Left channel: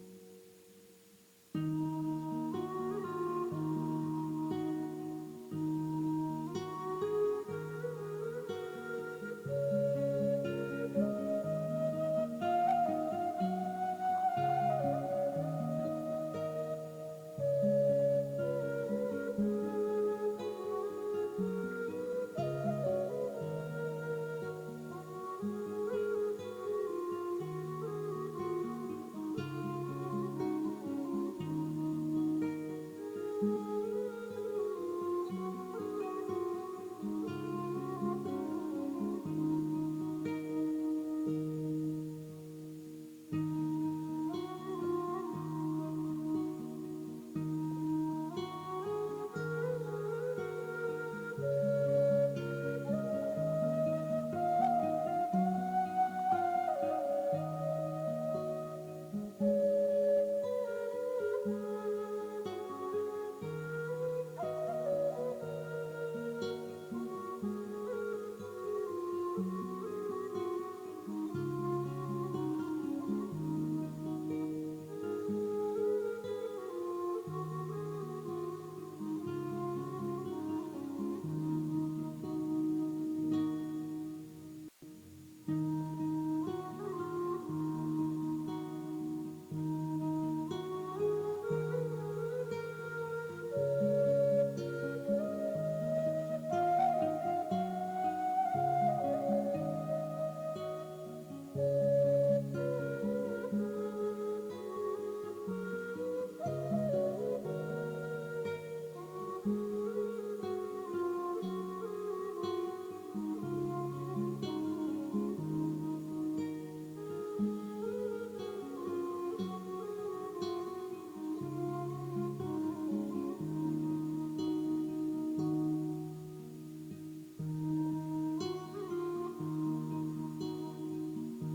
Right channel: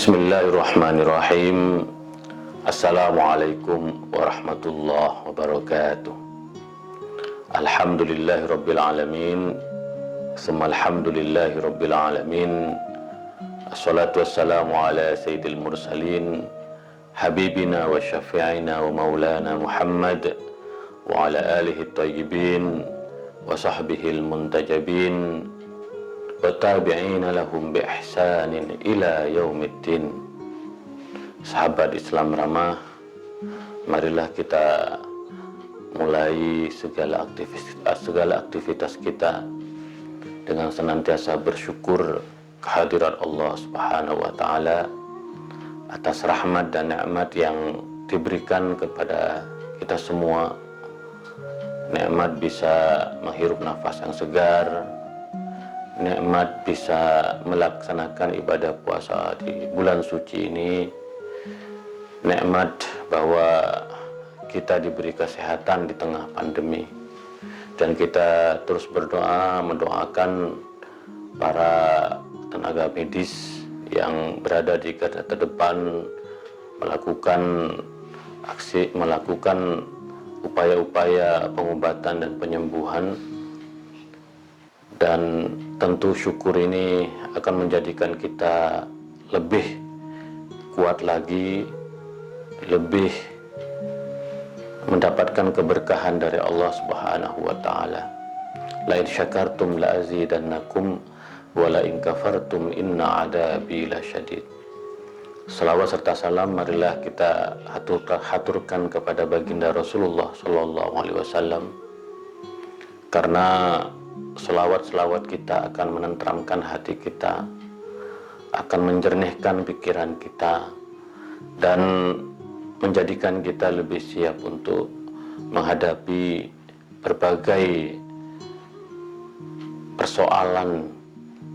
Bismillahirrahmanirrahim. Assalamualaikum warahmatullahi wabarakatuh. Alhamdulillahirabbil alamin. Alhamdulillahirabbil alamin. Assalatu wassalamu ala sayyidil mursalin habibina wa syafi'ina wa maulana Muhammad wa ala alihi thayyibin wa sahbihil muntajabin wa tabi'ina lahum bi ihsanin ila yaumiddin. Sahabat Islam ramah, marilah kita mulai segala aktivitas kita dengan senantiasa bersyukur kehadirat Allah Subhanahu wa taala atas rahmat dan nikmat yang diberikan kepada kita semua. Nikmat bisa menghirup nafas yang segar, nikmat bisa melaksanakan ibadah puasa di bulan suci ini, nikmat bahwa kita diberi kesehatan di tengah pandemi, dan kita terus berdoa mendoakan para tenaga medis yang berada di garda terdepan melakukan upaya-upaya pengobatan dan penyembuhan. Dan tentu syukur ini akan menjadikan kita lebih kuat lagi, lebih mendapatkan keberkahan dari Allah Subhanahu wa taala. La in syakartum la azidannakum wa la in kafartum inna adabi lasyadid. Selawat serta salam marilah kita haturkan kepada baginda Rasulullah sallallahu alaihi wasallam, karena selawat-selawat kita akan menenteramkan hati kita, akan menjernihkan pikiran kita, dan menjadikan kita lebih siap untuk menghadapi berbagai persoalan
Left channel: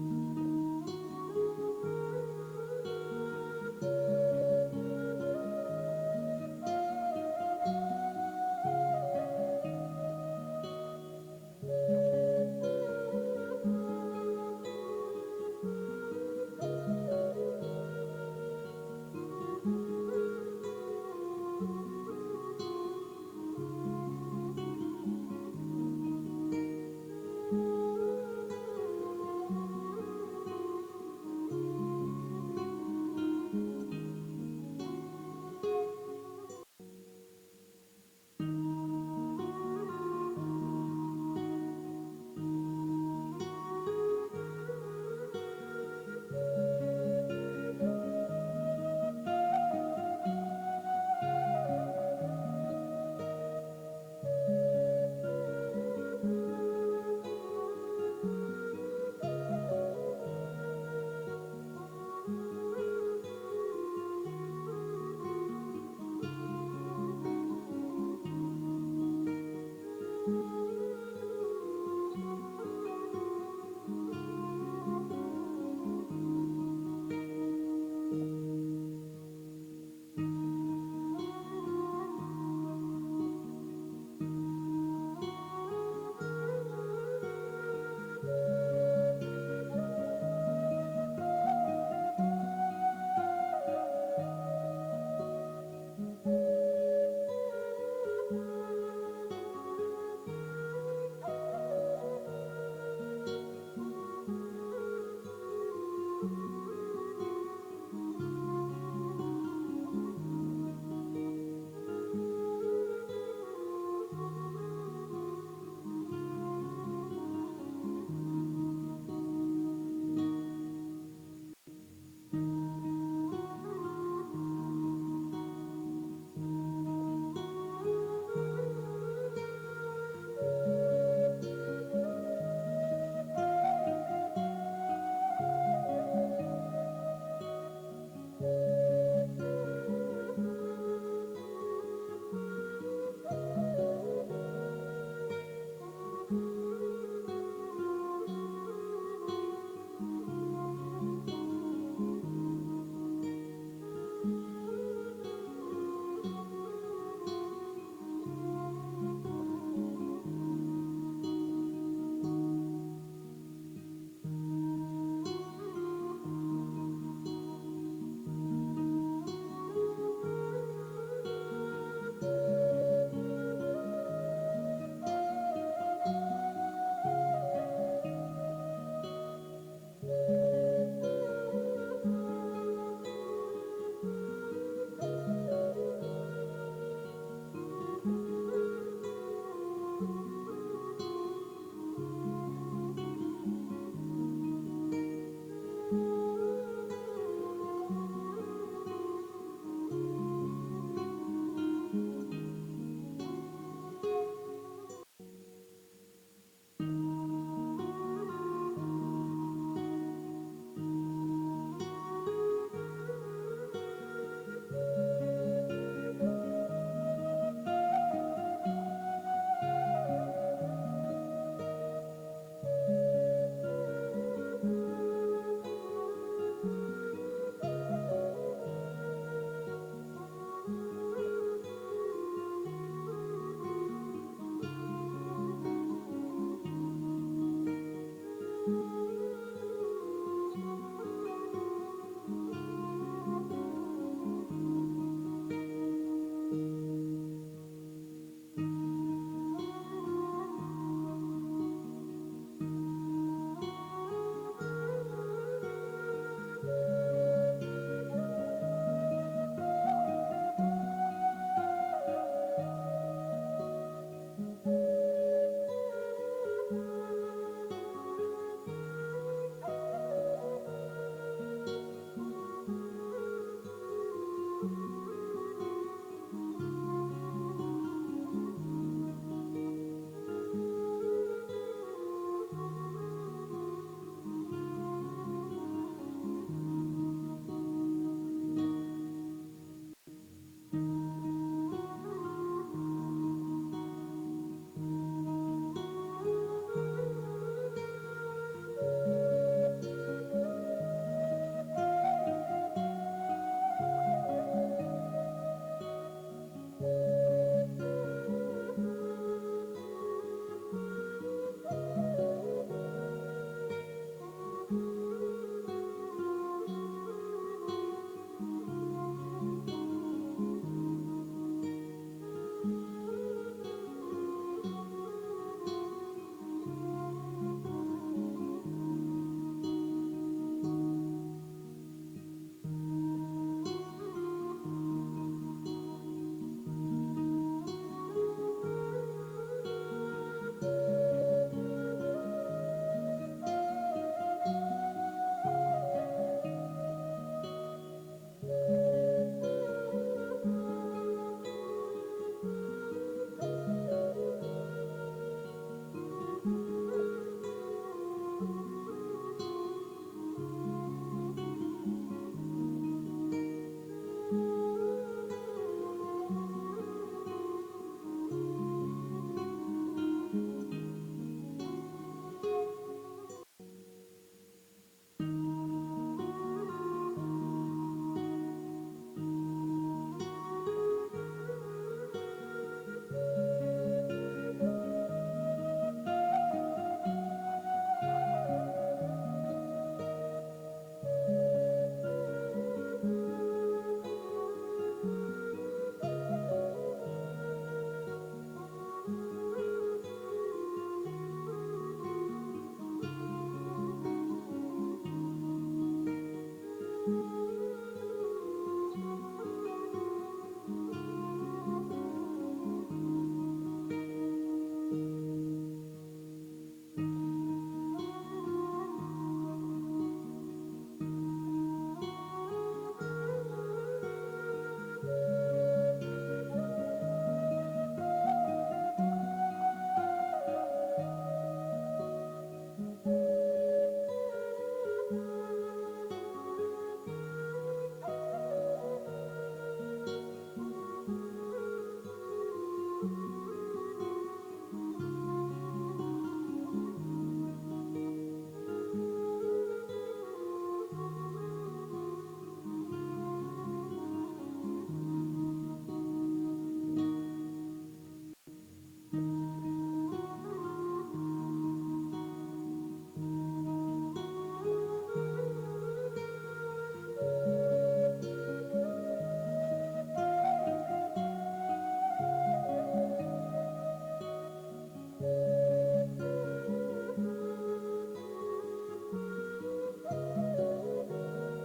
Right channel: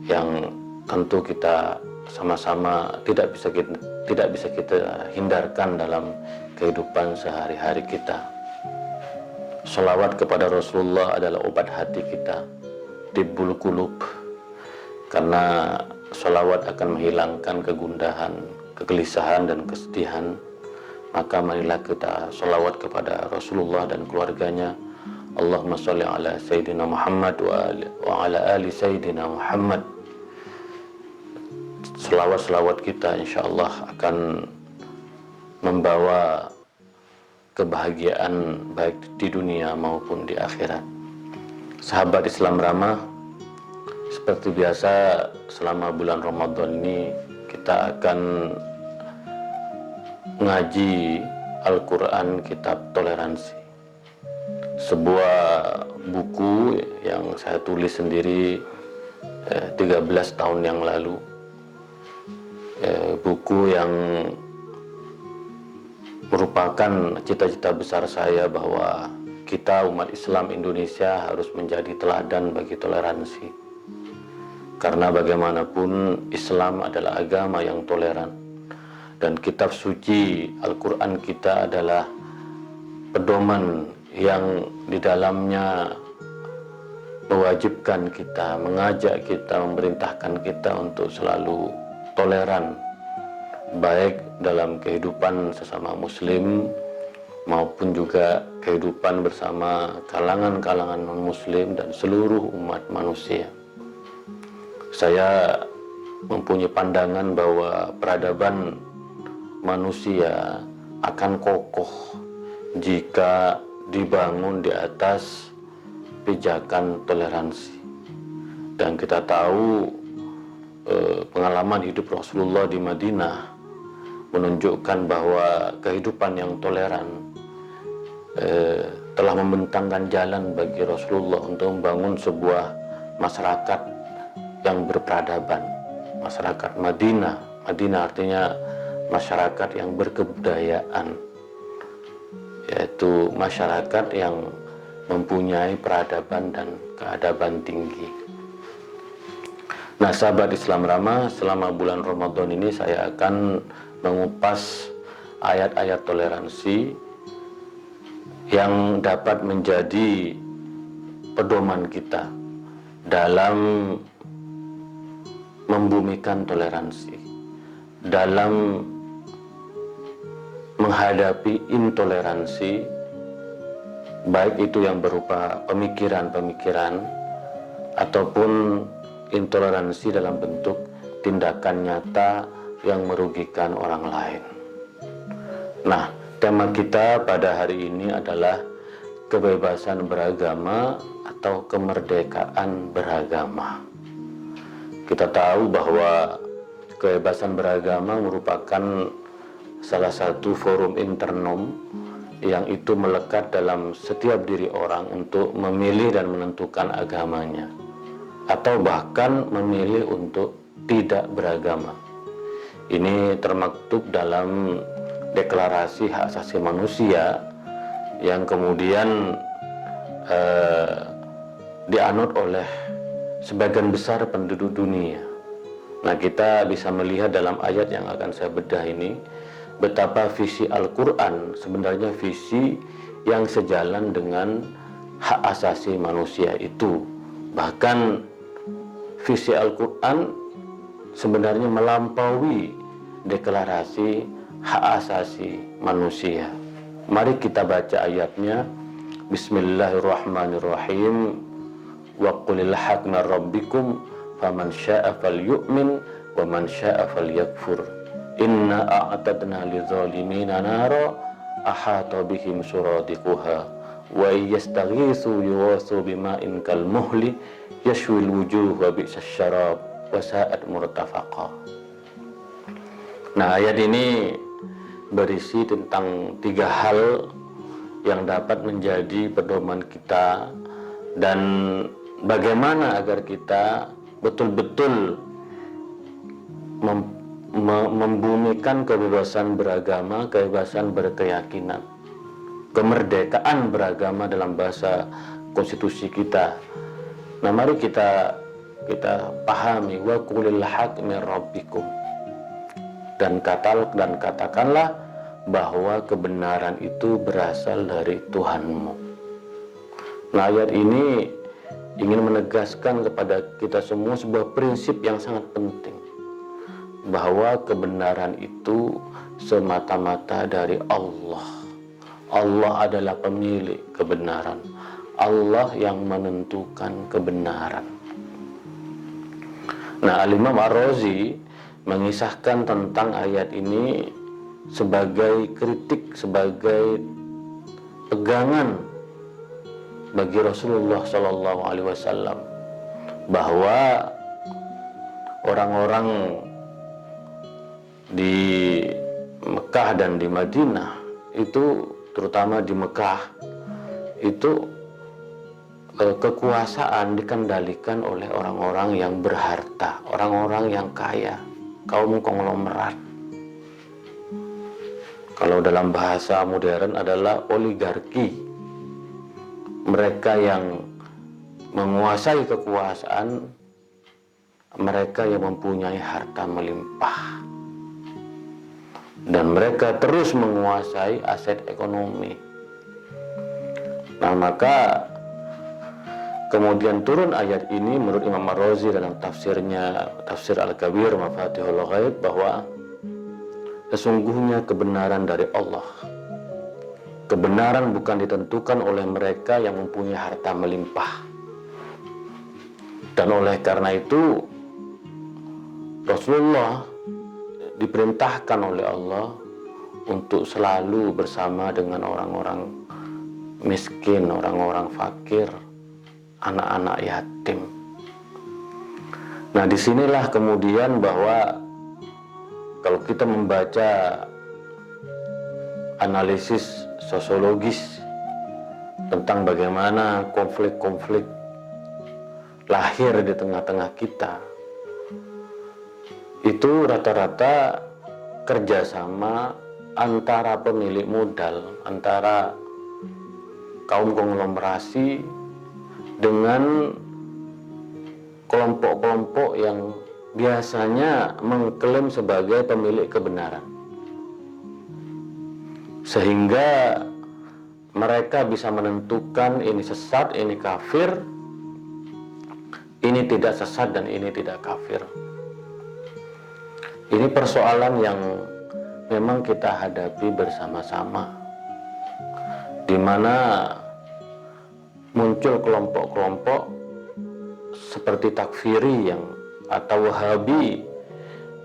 yang tentu kita sama-sama tidak bisa kita hindarkan dalam kehidupan sehari-hari kita. Sholawat kepada Rasulullah adalah obat hati kita, tibbul qulub, karena sholawat akan menghilangkan kegundahan, kegelisahan dan kesedihan. Maka marilah kita sholawat kepada Rasulullah dan keluarganya. Allahumma sholli ala Sayyidina Muhammad wa ala ali Sayyidina Muhammad. Sholawat-sholawat kita insyaallah akan membawa kebahagiaan baik di dunia maupun di akhirat. Sahabat Islam ramah, seperti biasa selama bulan Ramadan ini kita akan ngaji Al-Quran Kitab Toleransi, sebuah buku yang saya tulis sendiri 13 tahun yang lalu. Buku yang merupakan cita-cita besar saya bahwa kita umat Islam Indonesia harus menjadi teladan bagi toleransi. Karena bagaimanapun Islam adalah agama yang toleran, dan kitab suci Al-Quran kita adalah pedoman yang di dalamnya mewajibkan kita, mengajak kita, memerintahkan kita untuk selalu toleran, baik dalam kehidupan sesama muslim maupun juga kehidupan bersama kalangan-kalangan non-muslim dan seluruh umat manusia. Saya mempunyai pandangan bahwa peradaban manusia akan kokoh jika dibangun di atas pijakan toleransi. Dan kita tahu pengalaman hidup Rasulullah di Madinah menunjukkan bahwa kehidupan yang toleran telah membentangkan jalan bagi Rasulullah untuk membangun sebuah masyarakat yang berperadaban, masyarakat Madinah. Madinah artinya masyarakat yang berkebudayaan, yaitu masyarakat yang mempunyai peradaban dan keadaban tinggi. Nah, sahabat Islam ramah, selama bulan Ramadan ini saya akan mengupas ayat-ayat toleransi yang dapat menjadi pedoman kita dalam membumikan toleransi, dalam menghadapi intoleransi, baik itu yang berupa pemikiran-pemikiran ataupun intoleransi dalam bentuk tindakan nyata yang merugikan orang lain. Nah, tema kita pada hari ini adalah kebebasan beragama atau kemerdekaan beragama. Kita tahu bahwa kebebasan beragama merupakan salah satu forum internom yang itu melekat dalam setiap diri orang untuk memilih dan menentukan agamanya, atau bahkan memilih untuk tidak beragama. Ini termaktub dalam Deklarasi Hak Asasi Manusia yang kemudian dianut oleh sebagian besar penduduk dunia. Nah, kita bisa melihat dalam ayat yang akan saya bedah ini betapa visi Al-Quran sebenarnya visi yang sejalan dengan hak asasi manusia itu. Bahkan visi Al-Quran sebenarnya melampaui deklarasi hak asasi manusia. Mari kita baca ayatnya. Bismillahirrahmanirrahim. Wa qulil haq min rabbikum faman syaa'a falyu'min wa man syaa'a falyakfur. Inna a'tadna lidzalimina nara ahata bihim suradiquha wa yastaghitsu yughatsu bima'in kalmuhli yashwil wujuh wa bi'sasy syarab wa sa'at murtafaqa. Nah, ayat ini berisi tentang 3 hal yang dapat menjadi pedoman kita dan bagaimana agar kita betul-betul membumikan kebebasan beragama, kebebasan berkeyakinan, kemerdekaan beragama dalam bahasa konstitusi kita. Nah, mari kita pahami wa qulil haq min rabbikum, dan katakanlah bahwa kebenaran itu berasal dari Tuhanmu. Nah, ayat ini ingin menegaskan kepada kita semua sebuah prinsip yang sangat penting, bahwa kebenaran itu semata-mata dari Allah. Allah adalah pemilik kebenaran. Allah yang menentukan kebenaran. Nah, Al-Imam Ar-Razi mengisahkan tentang ayat ini sebagai kritik, sebagai pegangan bagi Rasulullah SAW, bahwa orang-orang di Mekah dan di Madinah itu, terutama di Mekah itu, kekuasaan dikendalikan oleh orang-orang yang berharta, orang-orang yang kaya, kaum konglomerat. Kalau dalam bahasa modern adalah oligarki. Mereka yang menguasai kekuasaan, mereka yang mempunyai harta melimpah, dan mereka terus menguasai aset ekonomi. Nah, maka kemudian turun ayat ini menurut Imam Ar-Razi dalam tafsirnya, Tafsir Al-Kabir Mafatihul Ghaib, bahwa sesungguhnya kebenaran dari Allah. Kebenaran bukan ditentukan oleh mereka yang mempunyai harta melimpah. Dan oleh karena itu Rasulullah diperintahkan oleh Allah untuk selalu bersama dengan orang-orang miskin, orang-orang fakir, anak-anak yatim. Nah, disinilah kemudian bahwa kalau kita membaca analisis sosiologis tentang bagaimana konflik-konflik lahir di tengah-tengah kita, itu rata-rata kerjasama antara pemilik modal, antara kaum konglomerasi dengan kelompok-kelompok yang biasanya mengklaim sebagai pemilik kebenaran, sehingga mereka bisa menentukan ini sesat, ini kafir, ini tidak sesat dan ini tidak kafir. Ini persoalan yang memang kita hadapi bersama-sama, di mana muncul kelompok-kelompok seperti takfiri atau Wahabi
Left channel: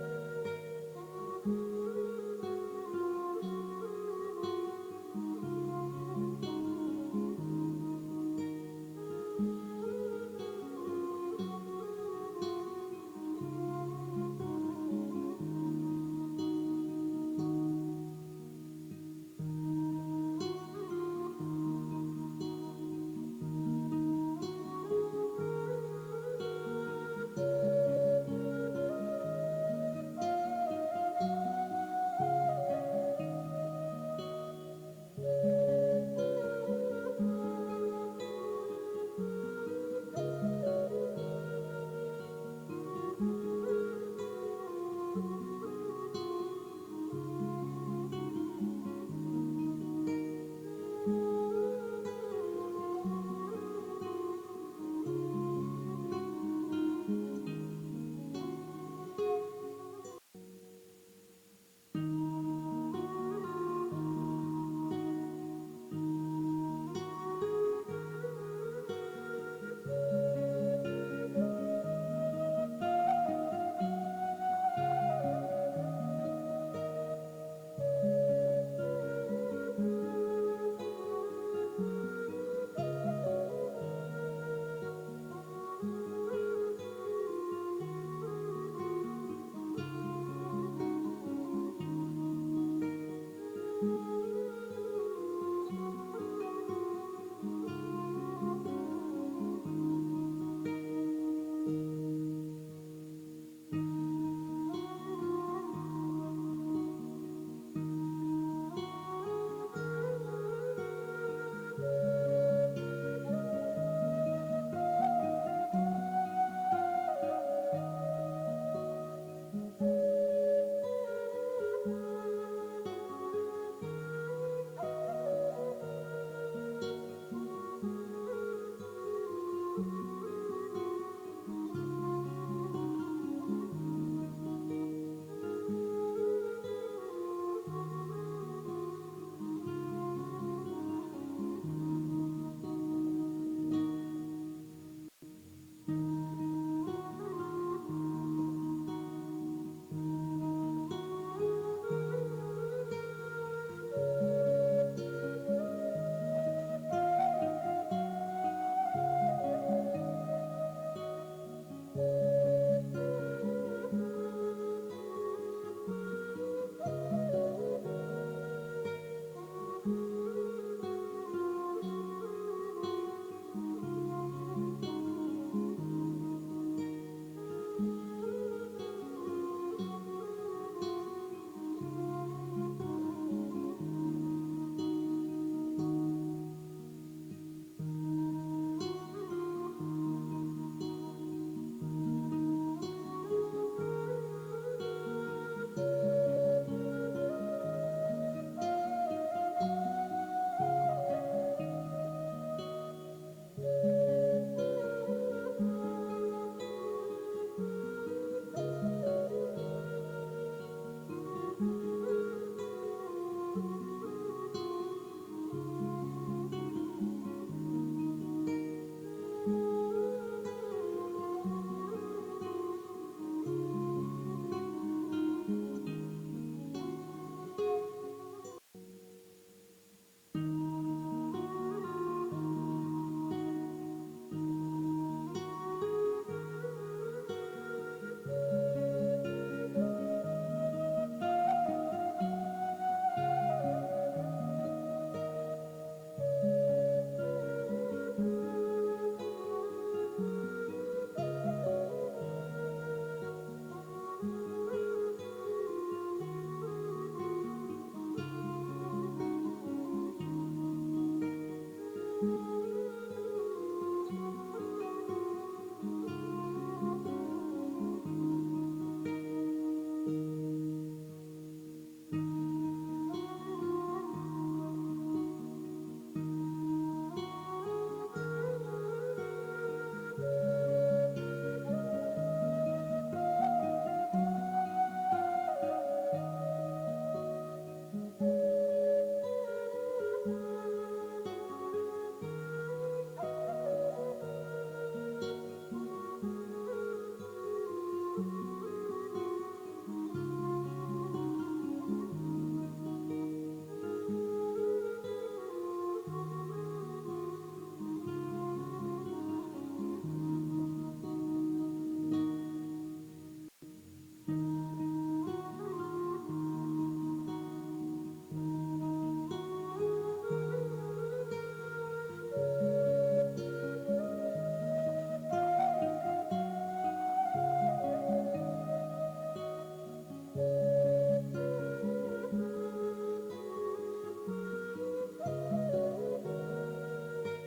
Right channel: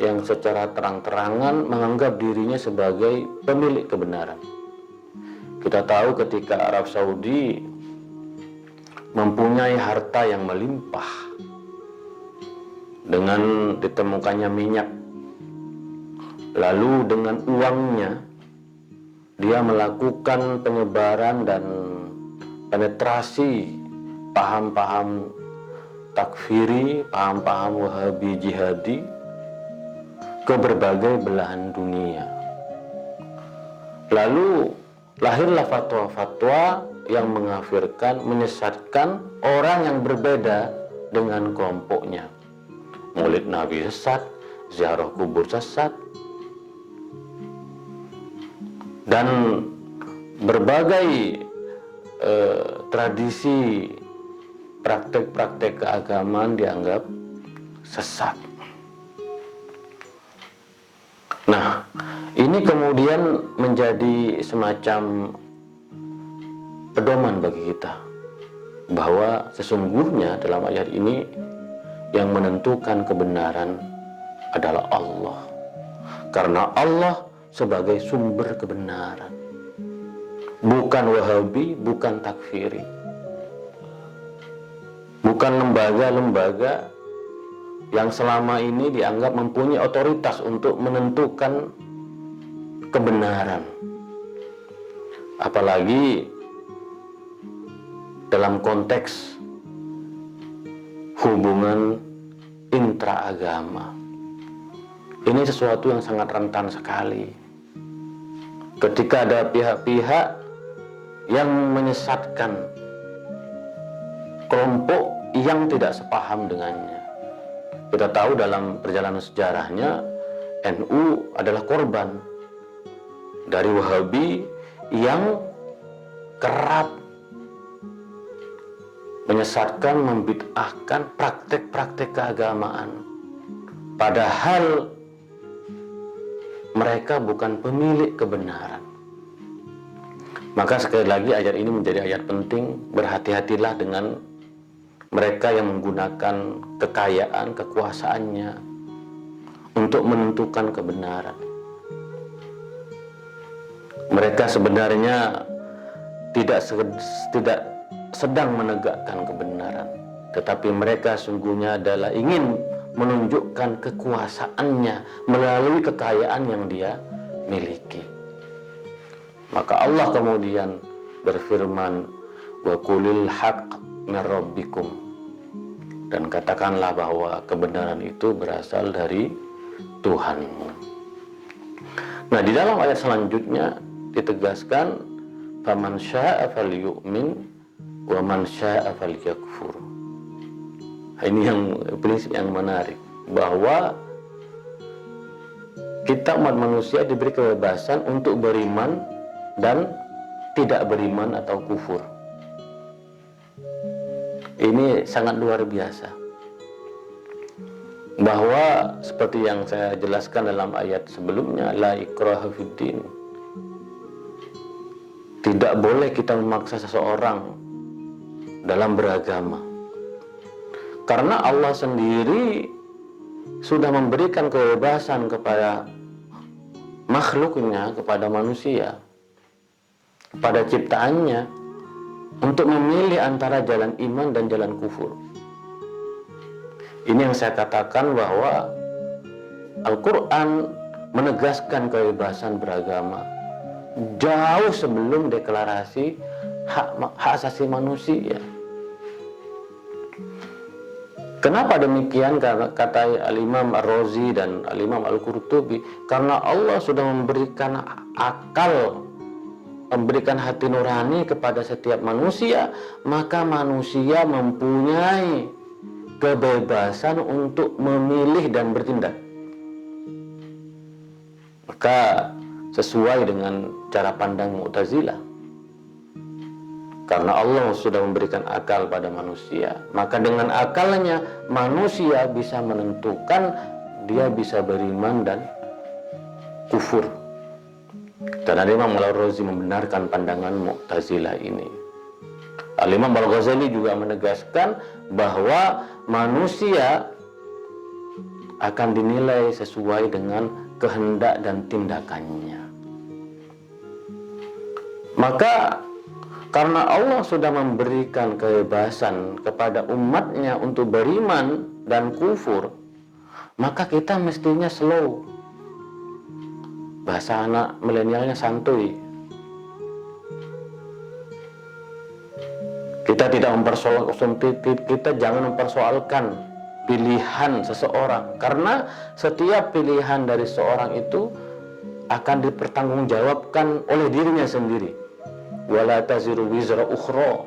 yang secara terang-terangan menganggap dirinya sebagai pemilik kebenaran. Kita tahu ketika Arab Saudi mempunyai harta yang melimpah dengan ditemukannya minyak, lalu dengan uangnya dia melakukan penyebaran dan penetrasi paham-paham takfiri, paham-paham Wahabi jihadi ke berbagai belahan dunia. Lalu lahirlah fatwa-fatwa yang mengkafirkan, menyesatkan orang yang berbeda dengan kelompoknya. Maulid Nabi sesat, ziarah kubur sesat, dan berbagai tradisi, praktek-praktek keagamaan dianggap sesat. Nah, ini kemudian menjadi semacam pedoman bagi kita bahwa sesungguhnya dalam ayat ini yang menentukan kebenaran adalah Allah, karena Allah sebagai sumber kebenaran, bukan Wahabi, bukan takfiri, bukan lembaga-lembaga yang selama ini dianggap mempunyai otoritas untuk menentukan kebenaran, apalagi dalam konteks hubungan intraagama. Ini sesuatu yang sangat rentan sekali ketika ada pihak-pihak yang menyesatkan kelompok yang tidak sepaham dengannya. Kita tahu dalam perjalanan sejarahnya NU adalah korban dari Wahabi yang kerap menyesatkan, membid'ahkan praktek-praktek keagamaan, padahal mereka bukan pemilik kebenaran. Maka sekali lagi ayat ini menjadi ayat penting. Berhati-hatilah dengan mereka yang menggunakan kekayaan, kekuasaannya untuk menentukan kebenaran. Mereka sebenarnya tidak sedang menegakkan kebenaran, tetapi mereka sungguhnya adalah ingin menunjukkan kekuasaannya melalui kekayaan yang dia miliki. Maka Allah kemudian berfirman, wa qulil haqq min rabbikum, dan katakanlah bahwa kebenaran itu berasal dari Tuhanmu. Nah, di dalam ayat selanjutnya ditegaskan, faman syaa'a falyu'min wa man syaa'a falyakfur. Ini yang prinsip yang menarik, bahwa kita umat manusia diberi kebebasan untuk beriman dan tidak beriman atau kufur. Ini sangat luar biasa, bahwa seperti yang saya jelaskan dalam ayat sebelumnya, la ikraha fiddin, tidak boleh kita memaksa seseorang dalam beragama, karena Allah sendiri sudah memberikan kebebasan kepada makhluknya, kepada manusia, pada ciptaannya, untuk memilih antara jalan iman dan jalan kufur. Ini yang saya katakan bahwa Al-Quran menegaskan kebebasan beragama jauh sebelum deklarasi hak asasi manusia. Kenapa demikian? Kata Al-Imam Ar-Razi dan Al-Imam Al-Qurtubi, karena Allah sudah memberikan akal, memberikan hati nurani kepada setiap manusia, maka manusia mempunyai kebebasan untuk memilih dan bertindak. Maka sesuai dengan cara pandang Mu'tazilah, karena Allah sudah memberikan akal pada manusia, maka dengan akalnya manusia bisa menentukan dia bisa beriman dan kufur. Dan Al-Imam Al-Razi membenarkan pandangan Mu'tazilah ini. Al-Imam Al-Ghazali juga menegaskan bahwa manusia akan dinilai sesuai dengan kehendak dan tindakannya. Maka karena Allah sudah memberikan kebebasan kepada umatnya untuk beriman dan kufur, maka kita mestinya slow. Bahasa anak milenialnya santuy. Kita jangan mempersoalkan pilihan seseorang, karena setiap pilihan dari seorang itu akan dipertanggungjawabkan oleh dirinya sendiri. Wala taziru wizra ukhra.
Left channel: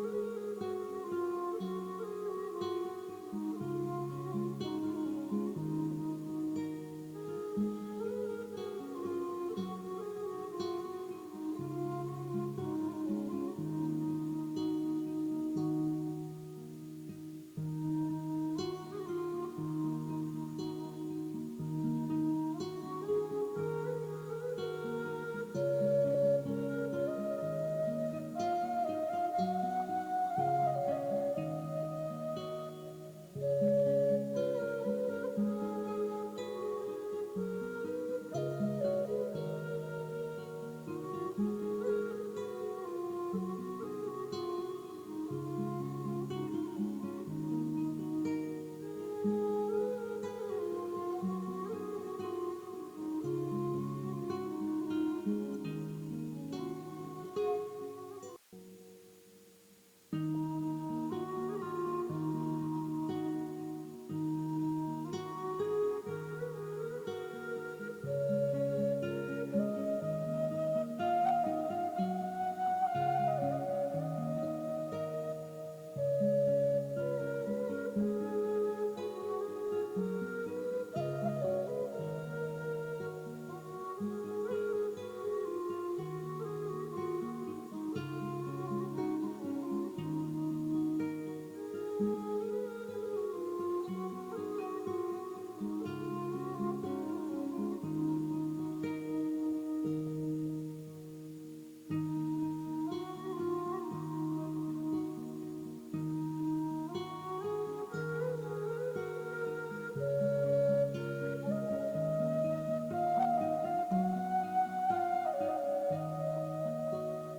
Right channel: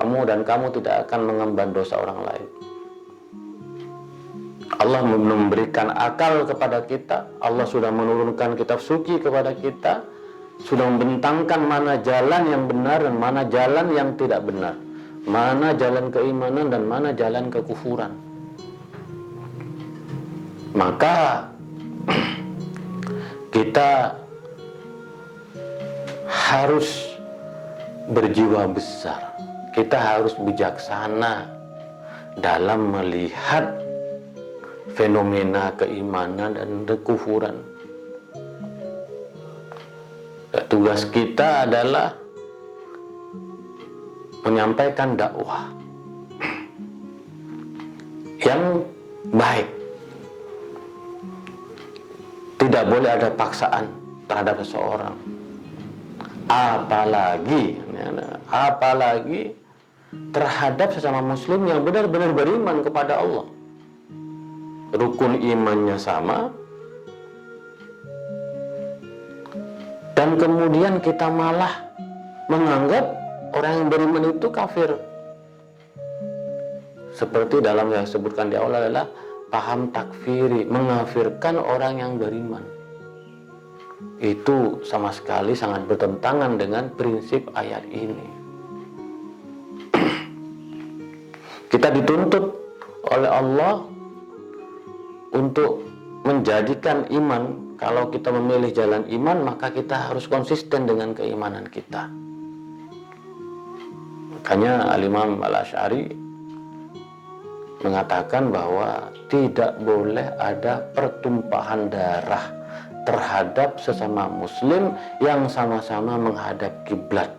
Kamu tidak akan mengemban dosa orang lain. Allah memberikan akal kepada kita. Allah sudah menurunkan kitab suci kepada kita, sudah membentangkan mana jalan yang benar dan mana jalan yang tidak benar, mana jalan keimanan dan mana jalan kekufuran. Maka kita harus berjiwa besar, kita harus bijaksana dalam melihat fenomena keimanan dan kekufuran. Tugas kita adalah menyampaikan dakwah yang baik. Tidak boleh ada paksaan terhadap seseorang. Apalagi terhadap sesama muslim yang benar-benar beriman kepada Allah. Rukun imannya sama, dan kemudian kita malah menganggap orang yang beriman itu kafir. Seperti dalam yang disebutkan di awal adalah paham takfiri, mengafirkan orang yang beriman. Itu sama sekali sangat bertentangan dengan prinsip ayat ini. Kita dituntut oleh Allah untuk menjadikan iman. Kalau kita memilih jalan iman, maka kita harus konsisten dengan keimanan kita. Makanya Al-Imam Al-Asy'ari mengatakan bahwa tidak boleh ada pertumpahan darah terhadap sesama muslim yang sama-sama menghadap kiblat,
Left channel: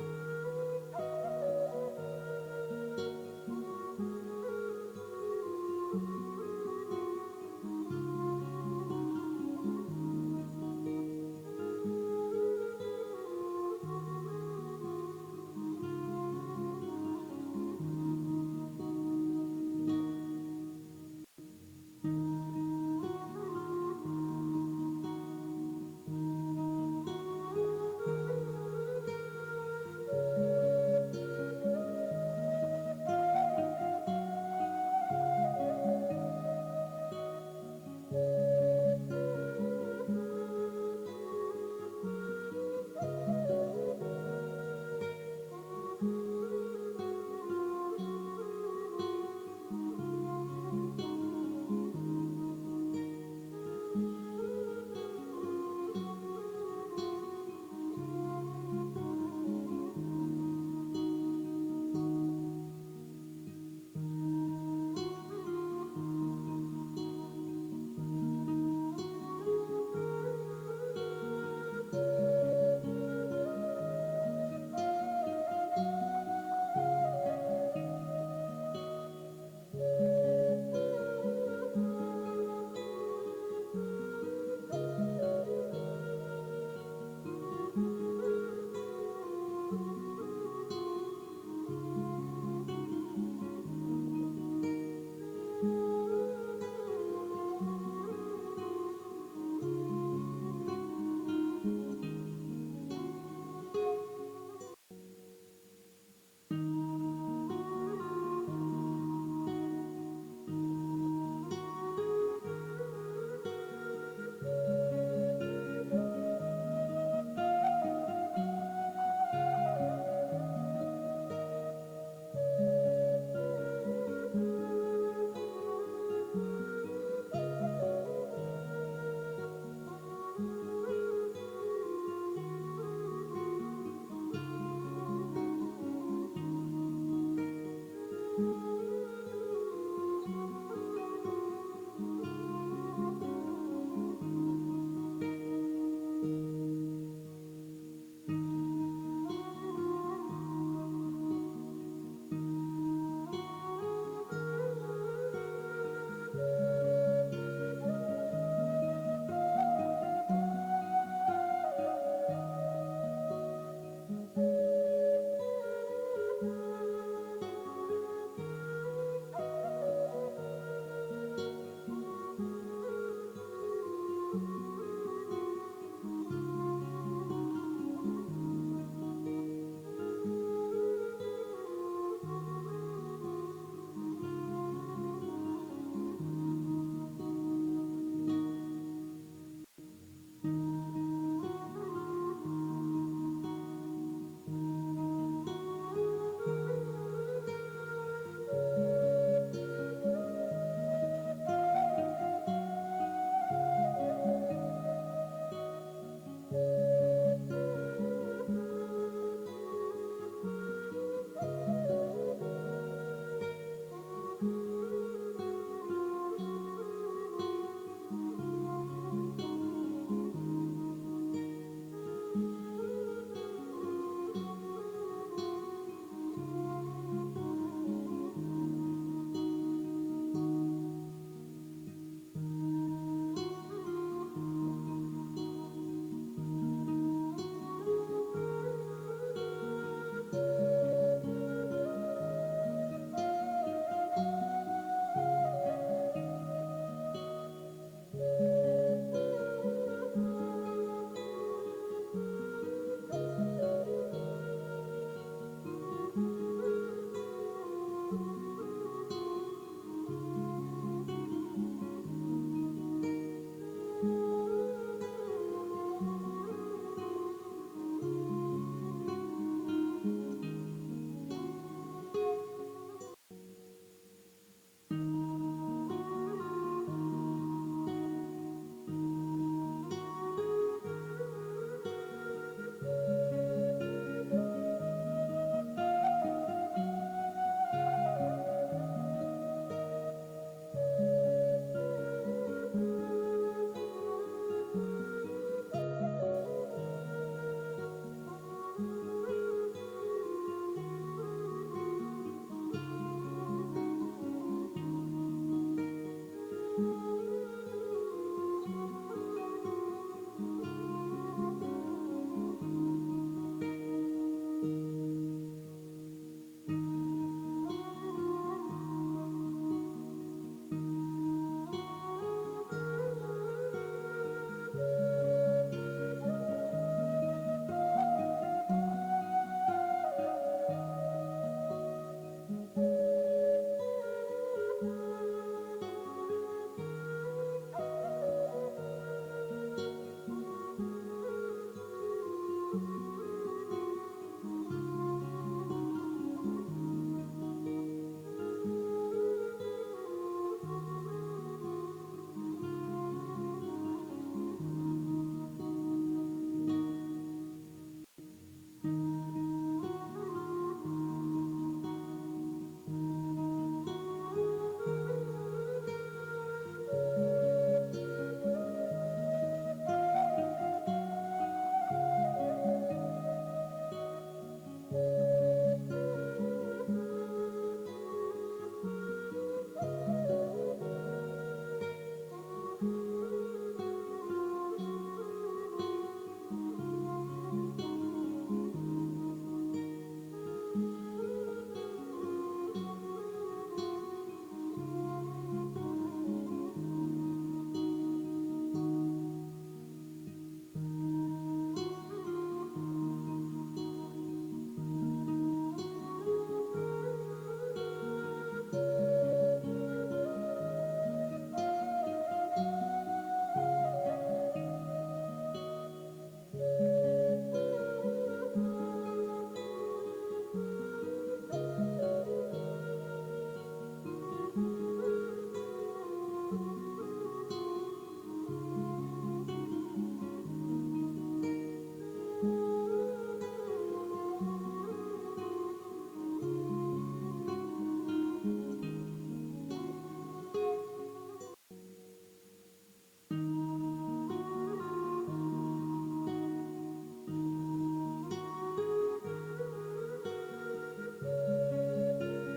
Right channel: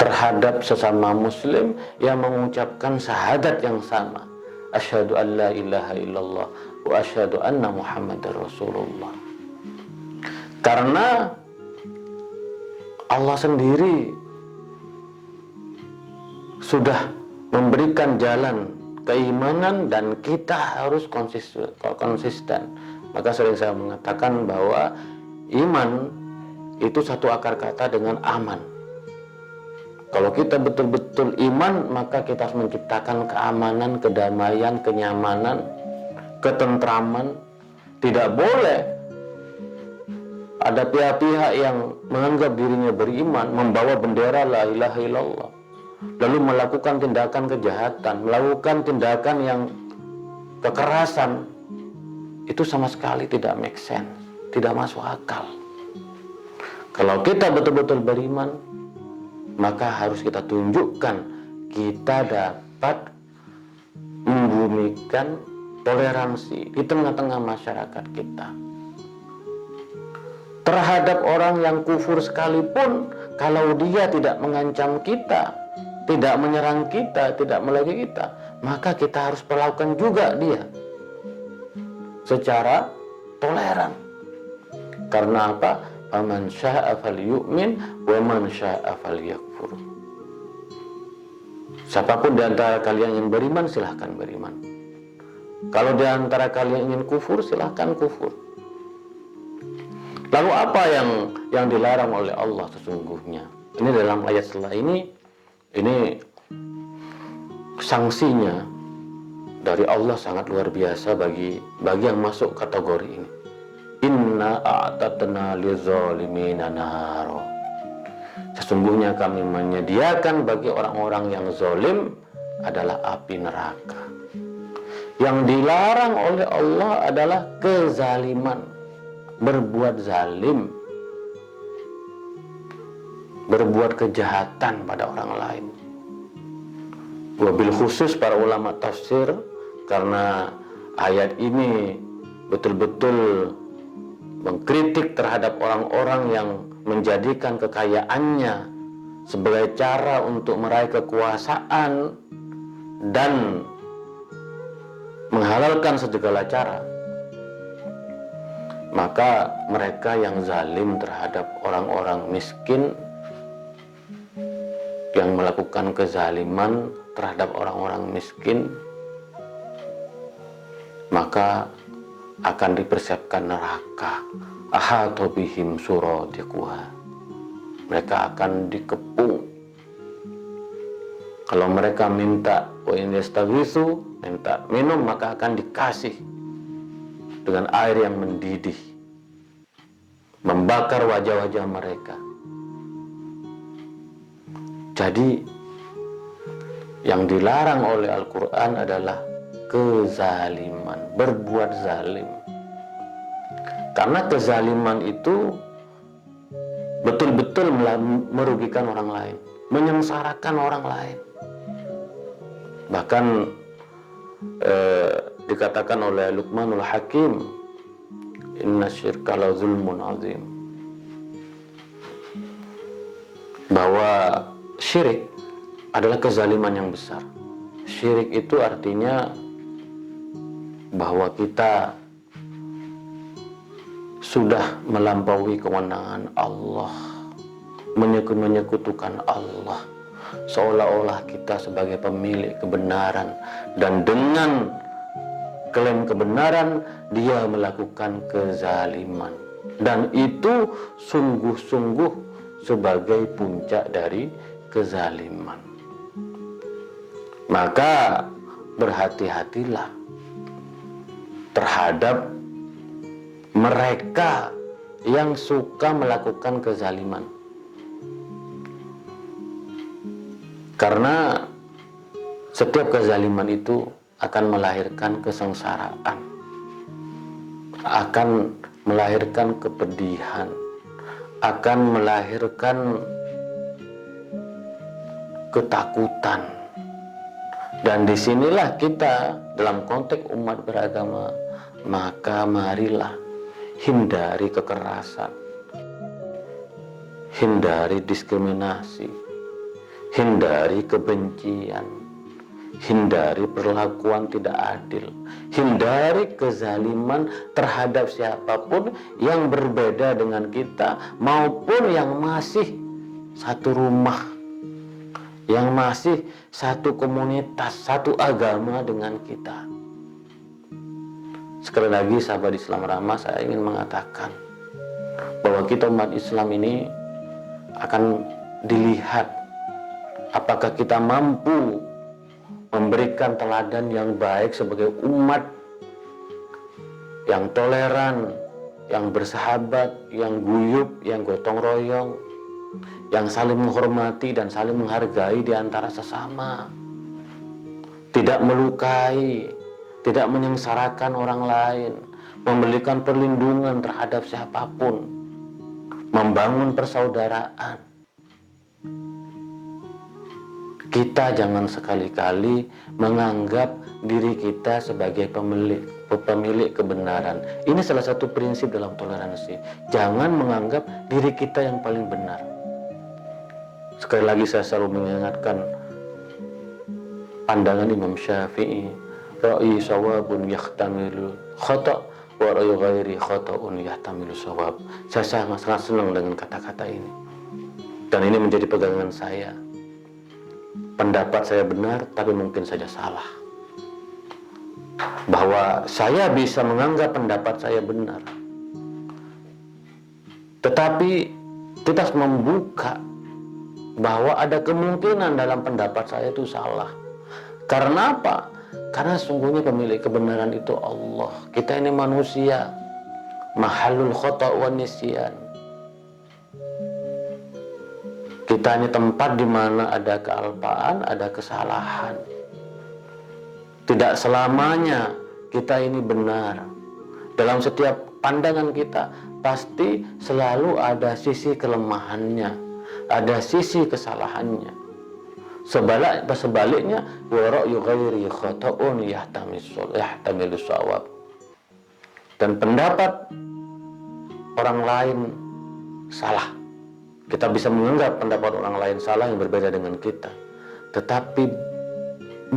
terhadap sesama muslim yang mengucapkan syahadat yang sama, asyhadu an la ilaha illallah wa asyhadu anna muhammadar rasulullah. Karena Allah sendiri sudah memberikan jalan keimanan dan kita harus konsisten. Maka sering saya mengatakan bahwa iman itu satu akar kata dengan aman. Kalau kita betul-betul iman, maka kita harus menciptakan keamanan, kedamaian, kenyamanan, ketentraman. Tidak boleh ada pihak-pihak yang menganggap dirinya beriman, membawa bendera la ilaha illallah, lalu melakukan tindakan kejahatan, melakukan tindakan yang kekerasan. Itu sama sekali tidak make sense, tidak masuk akal. Kalau kita betul-betul beriman, maka harus kita tunjukkan kita dapat membumikan toleransi di tengah-tengah masyarakat kita. Terhadap orang yang kufur sekalipun, kalau dia tidak mengancam kita, tidak menyerang kita, tidak melalui kita, maka kita harus perlakukan juga dia secara toleran. Karena apa? Faman syaa'a falyu'min wa man syaa'a falyakfur. Siapapun di antara kalian yang beriman, silahkan beriman. Kalau di antara kalian ingin kufur, silahkan kufur. Lalu apa yang dilarang oleh Allah sesungguhnya? Ini dalam ayat setelah ini sanksinya dari Allah sangat luar biasa bagi yang masuk kategori ini. Inna a'tatna lizalimina naro. Sesungguhnya kami menyediakan bagi orang-orang yang zalim adalah api neraka. Yang dilarang oleh Allah adalah kezaliman, berbuat zalim, berbuat kejahatan pada orang lain. Wabil khusus para ulama tafsir, karena ayat ini betul-betul mengkritik terhadap orang-orang yang menjadikan kekayaannya sebagai cara untuk meraih kekuasaan dan menghalalkan segala cara. Maka mereka yang zalim terhadap orang-orang miskin, yang melakukan kezaliman terhadap orang-orang miskin, maka akan dipersiapkan neraka. Ahata bihim suradiquha. Mereka akan dikepung. Kalau mereka minta wa in yastaghitsu, minta minum, maka akan dikasih dengan air yang mendidih, membakar wajah-wajah mereka. Jadi yang dilarang oleh Al-Quran adalah kezaliman, berbuat zalim. Karena kezaliman itu betul-betul merugikan orang lain, menyengsarakan orang lain. Bahkan dikatakan oleh Luqmanul Hakim, inna syirka la zulmun azim, bahwa syirik adalah kezaliman yang besar. Syirik itu artinya bahwa kita sudah melampaui kewenangan Allah, menyekutukan Allah, seolah-olah kita sebagai pemilik kebenaran, dan dengan klaim kebenaran dia melakukan kezaliman, dan itu sungguh-sungguh sebagai puncak dari kezaliman. Maka berhati-hatilah terhadap mereka yang suka melakukan kezaliman, karena setiap kezaliman itu akan melahirkan kesengsaraan, akan melahirkan kepedihan, akan melahirkan ketakutan. Dan disinilah kita dalam konteks umat beragama, maka marilah hindari kekerasan, hindari diskriminasi, hindari kebencian, hindari perlakuan tidak adil, hindari kezaliman terhadap siapapun yang berbeda dengan kita, maupun yang masih satu rumah, yang masih satu komunitas, satu agama dengan kita. Sekali lagi sahabat Islam Ramah, saya ingin mengatakan bahwa kita umat Islam ini akan dilihat apakah kita mampu memberikan teladan yang baik sebagai umat yang toleran, yang bersahabat, yang guyup, yang gotong royong, yang saling menghormati dan saling menghargai di antara sesama, tidak melukai, tidak menyengsarakan orang lain, memberikan perlindungan terhadap siapapun, membangun persaudaraan. Kita jangan sekali-kali menganggap diri kita sebagai pemilik kebenaran. Ini salah satu prinsip dalam toleransi. Jangan menganggap diri kita yang paling benar. Sekali lagi saya selalu mengingatkan pandangan Imam Syafi'i, ra'i sawabun yahtamilu khata' wa ra'i ghairi khata'un yahtamilu sawab. Saya sangat senang dengan kata-kata ini, dan ini menjadi pegangan saya. Pendapat saya benar, tapi mungkin saja salah. Bahwa saya bisa menganggap pendapat saya benar, tetapi kita harus membuka bahwa ada kemungkinan dalam pendapat saya itu salah. Karena apa? Karena sungguhnya pemilik kebenaran itu Allah. Kita ini manusia, mahalul khata' wa nisyan. Kita ini tempat di mana ada kealpaan, ada kesalahan. Tidak selamanya kita ini benar. Dalam setiap pandangan kita pasti selalu ada sisi kelemahannya, ada sisi kesalahannya. Sebaliknya, wa ra'yu ghairi khata'un yahtamilu shawab. Dan pendapat orang lain salah. Kita bisa menganggap pendapat orang lain salah yang berbeda dengan kita. Tetapi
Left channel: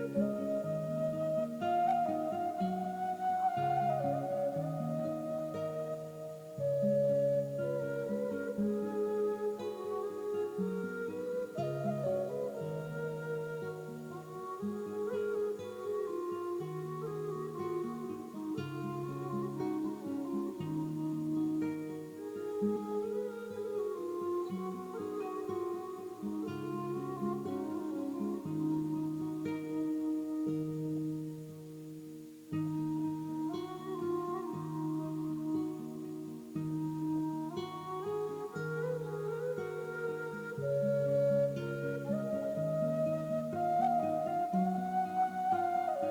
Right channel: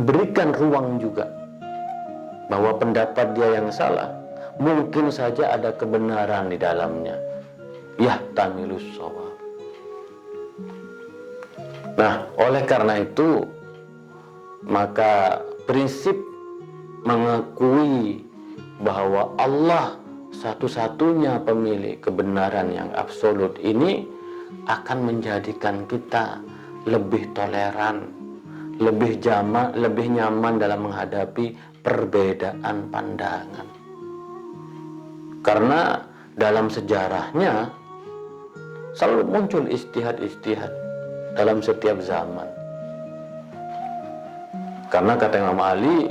berikan ruang juga bahwa pendapat dia yang salah, mungkin saja ada kebenaran di dalamnya. Yahtamilus shawab. Nah, oleh karena itu, maka prinsip mengakui bahwa Allah satu-satunya pemilik kebenaran yang absolut ini akan menjadikan kita lebih toleran, lebih nyaman dalam menghadapi perbedaan pandangan. Karena dalam sejarahnya selalu muncul ijtihad dalam setiap zaman. Karena kata Imam Ali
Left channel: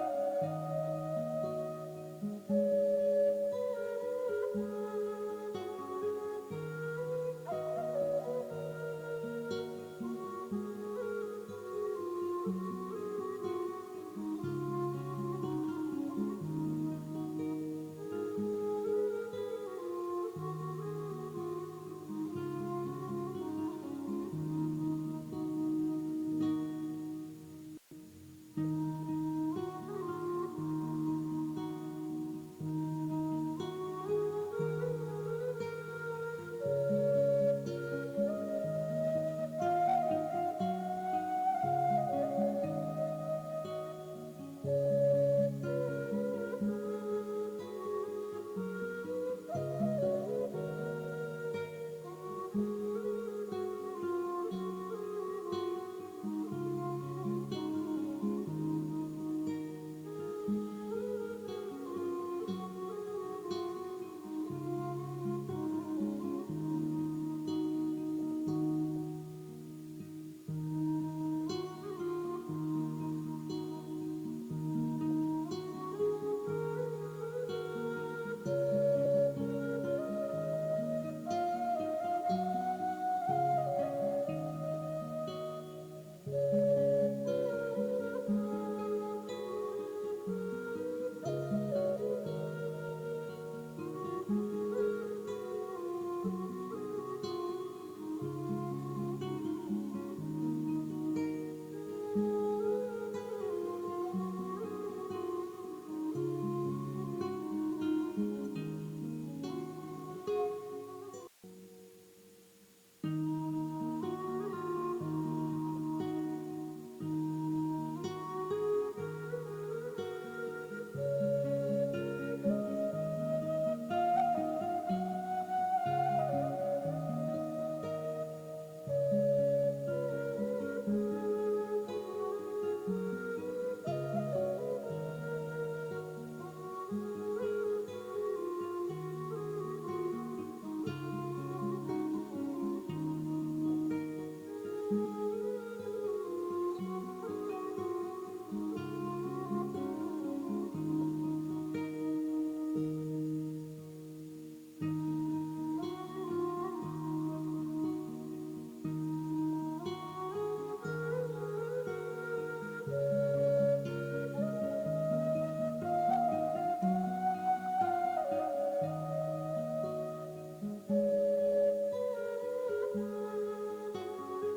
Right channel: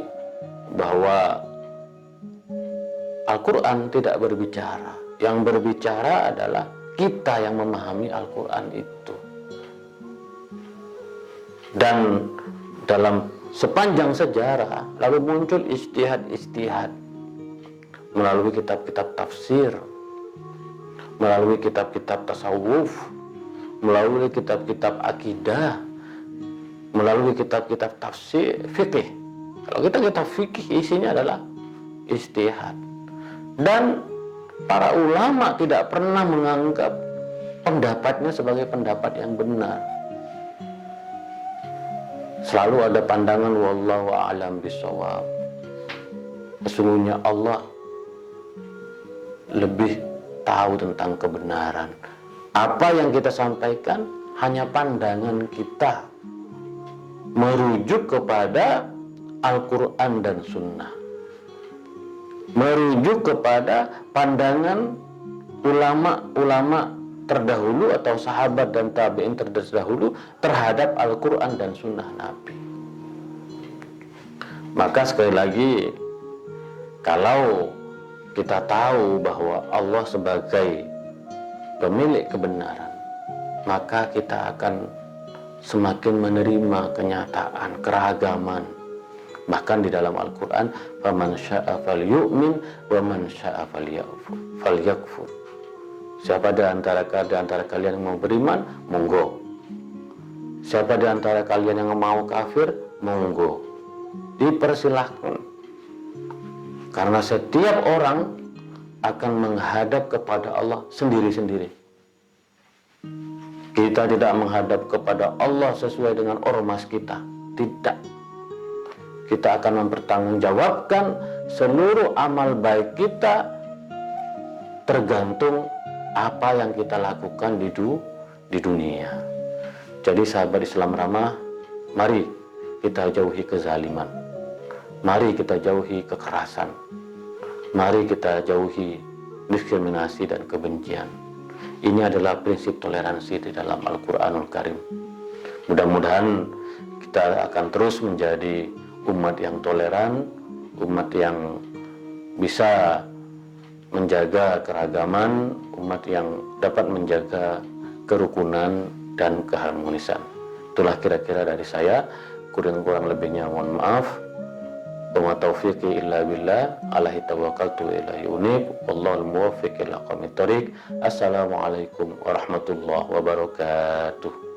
bahwa Al-Quran tidak berbicara. Yang berbicara adalah kita yang memahami Al-Quran itu. Dan dalam sepanjang sejarah lalu muncul ijtihad melalui kitab-kitab tafsir, melalui kitab-kitab tasawuf, melalui kitab-kitab akidah, melalui kitab-kitab tafsir fikih. Kalau kitab fikih isinya adalah ijtihad. Dan para ulama tidak pernah menganggap pendapatnya sebagai pendapat yang benar. Selalu ada pandangan wallahu a'lam bishawab. Sesungguhnya Allah lebih tahu tentang kebenaran. Apa yang kita sampaikan hanya pandangan kita, merujuk kepada Al-Quran dan Sunnah, merujuk kepada pandangan ulama-ulama terdahulu atau sahabat dan tabi'in terdahulu terhadap Al-Quran dan Sunnah Nabi. Maka sekali lagi, kalau kita tahu bahwa Allah sebagai pemilik kebenaran, maka kita akan semakin menerima kenyataan keragaman. Bahkan di dalam Al-Quran, faman syaa falyu'min wa man syaa falyakfur. Siapa di antara kalian yang mau beriman, monggo. Siapa di antara kalian yang mau kafir, monggo. Dipersilahkan. Karena setiap orang akan menghadap kepada Allah sendiri-sendiri. Kita tidak menghadap kepada Allah sesuai dengan ormas kita. Tidak. Kita akan mempertanggungjawabkan seluruh amal baik kita tergantung apa yang kita lakukan di dunia. Jadi sahabat Islam ramah, mari kita jauhi kezaliman. Mari kita jauhi kekerasan. Mari kita jauhi diskriminasi dan kebencian. Ini adalah prinsip toleransi di dalam Al-Quranul Karim. Mudah-mudahan kita akan terus menjadi umat yang toleran, umat yang bisa menjaga keragaman, umat yang dapat menjaga kerukunan dan keharmonisan. Itulah kira-kira dari saya. Kurang lebihnya mohon maaf. Wa taufiqi illa billah, alaihi tawakkaltu wa ilaihi unib, wallahul muwaffiq ila aqwamit thoriq. Assalamualaikum warahmatullahi wabarakatuh.